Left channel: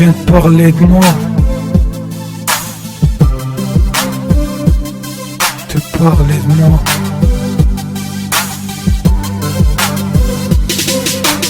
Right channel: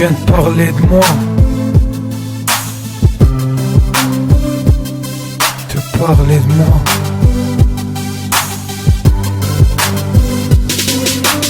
viens de parler de moi. Te parler de moi.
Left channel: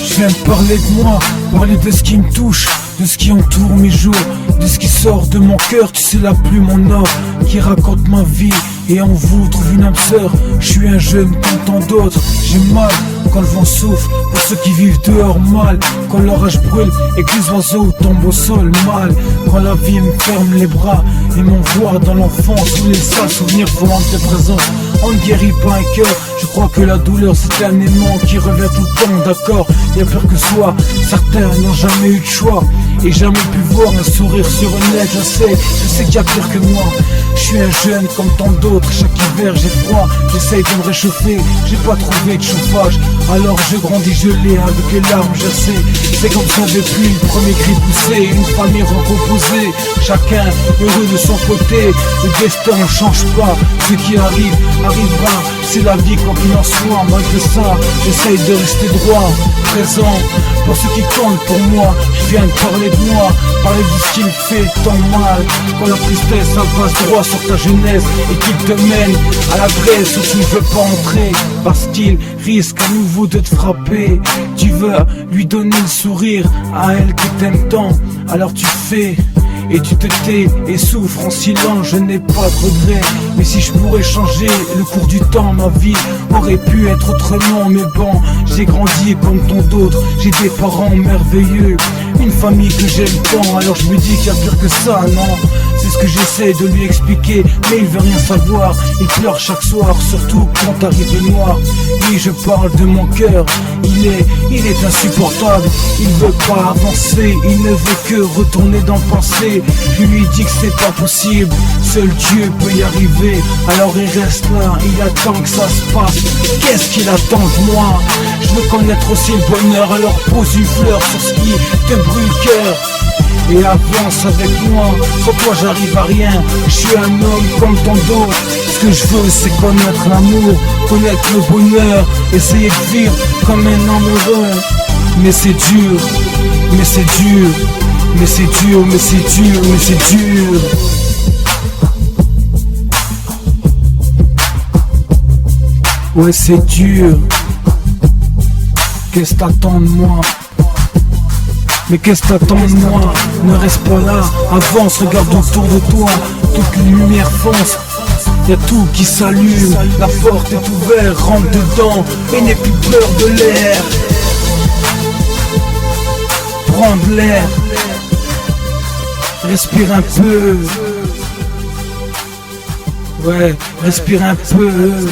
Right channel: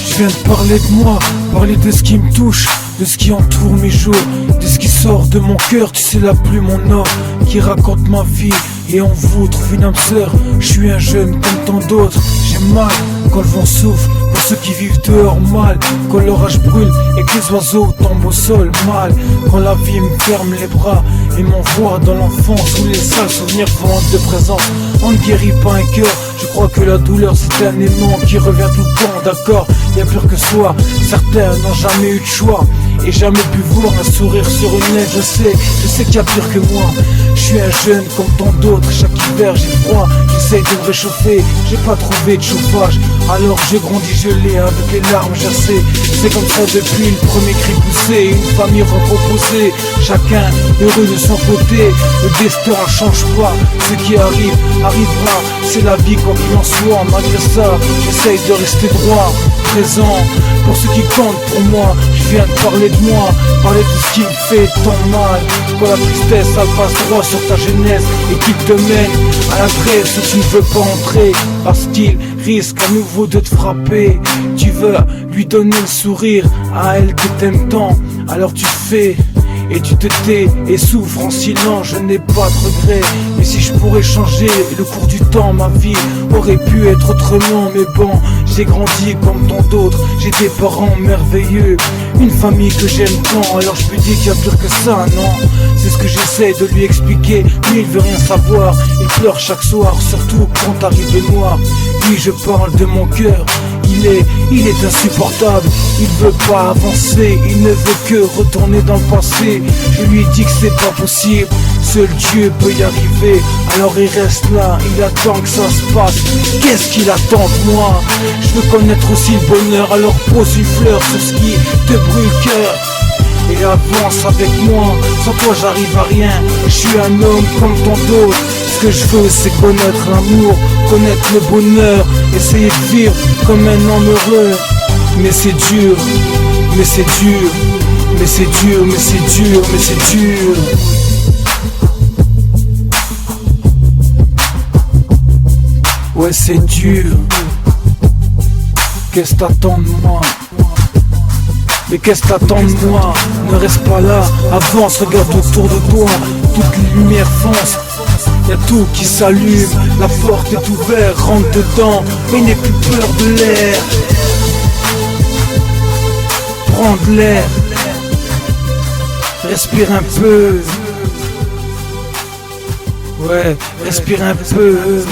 Je viens de parler de moi, parler de ce qui me touche, de ce qui entoure mes jours, de ce qui sort de mon cœur. Tu sais, la plume mon or qui raconte ma vie et en vous trouve une âme sœur. Je suis un jeune comme tant d'autres, j'ai mal quand le vent souffle. Pour ceux qui vivent dehors mal, quand l'orage brûle et que les oiseaux tombent au sol mal. Quand la vie me ferme les bras et m'envoie dans l'enfance où les sales souvenirs font de présence. On ne guérit pas un cœur, je crois que la douleur c'est un aimant qui revient tout le temps, d'accord. Y'a pire que soi, certains n'ont jamais eu de choix et jamais pu voir un sourire sur une lèvre. Je sais qu'il y a pire que moi. Je suis un jeune comme tant d'autres, chaque hiver j'ai froid, j'essaye de me réchauffer, j'ai pas trouvé de chauffage. Alors je grandis gelé avec les larmes gercées. C'est comme ça depuis le premier cri poussé, une famille recomposée, chacun heureux de son côté. Le destin ne change pas, ce qui arrive, arrivera, c'est la vie quoi qu'il en soit. Malgré ça, j'essaye de rester droit, présent, pour ceux qui comptent pour moi. Je viens de parler de moi, parler de ce qui me fait tant mal. Quand la tristesse elle passe droit sur ta jeunesse et qu'il te mène à l'adresse où tu ne veux pas entrer, parce qu'il risque à nouveau de te frapper. Tu veux lui donner le sourire à elle que t'aimes tant, alors tu fais et tu te tais et souffres en silence. Je n'ai pas de regrets, mais si je pourrais changer le cours du temps, ma vie aurait pu être autrement. Mais bon, j'ai grandi comme tant d'autres, j'ai des parents merveilleux, une famille que j'aime tant. Alors je me dis qu'il y a pire que ça, non? C'est ce que j'essaie de lui expliquer, mais il veut rien savoir. Il pleure chaque soir, surtout quand arrive le noir. Lui, je parle de mon cœur, il est insupportable. Il veut pas avancer, il ne veut que retourner dans le passé. Je lui dis que c'est pas possible, seul Dieu peut y arriver. Alors il reste là, il attend que ça se passe. Qu'est-ce qu'il attend de moi? Je veux connaître aussi le bonheur, alors pose une fleur sur ce qui te brûle le cœur et avance avec moi. Sans toi j'arrive à rien, je suis un homme comme tant d'autres. Ce que je veux c'est connaître l'amour, connaître le bonheur, essayer de vivre comme un homme heureux. Mais c'est dur, mais c'est dur, mais c'est dur, mais c'est dur, mais c'est dur. Ouais c'est dur. Qu'est-ce que t'attends de moi? Mais qu'est-ce que t'attends de moi? Ne reste pas là, avance, regarde autour de toi. Toute lumière fonce, y'a tout qui s'allume. La porte est ouverte, rentre dedans et n'aie plus peur de l'air. Prends de l'air, respire un peu. Ouais, respire un peu.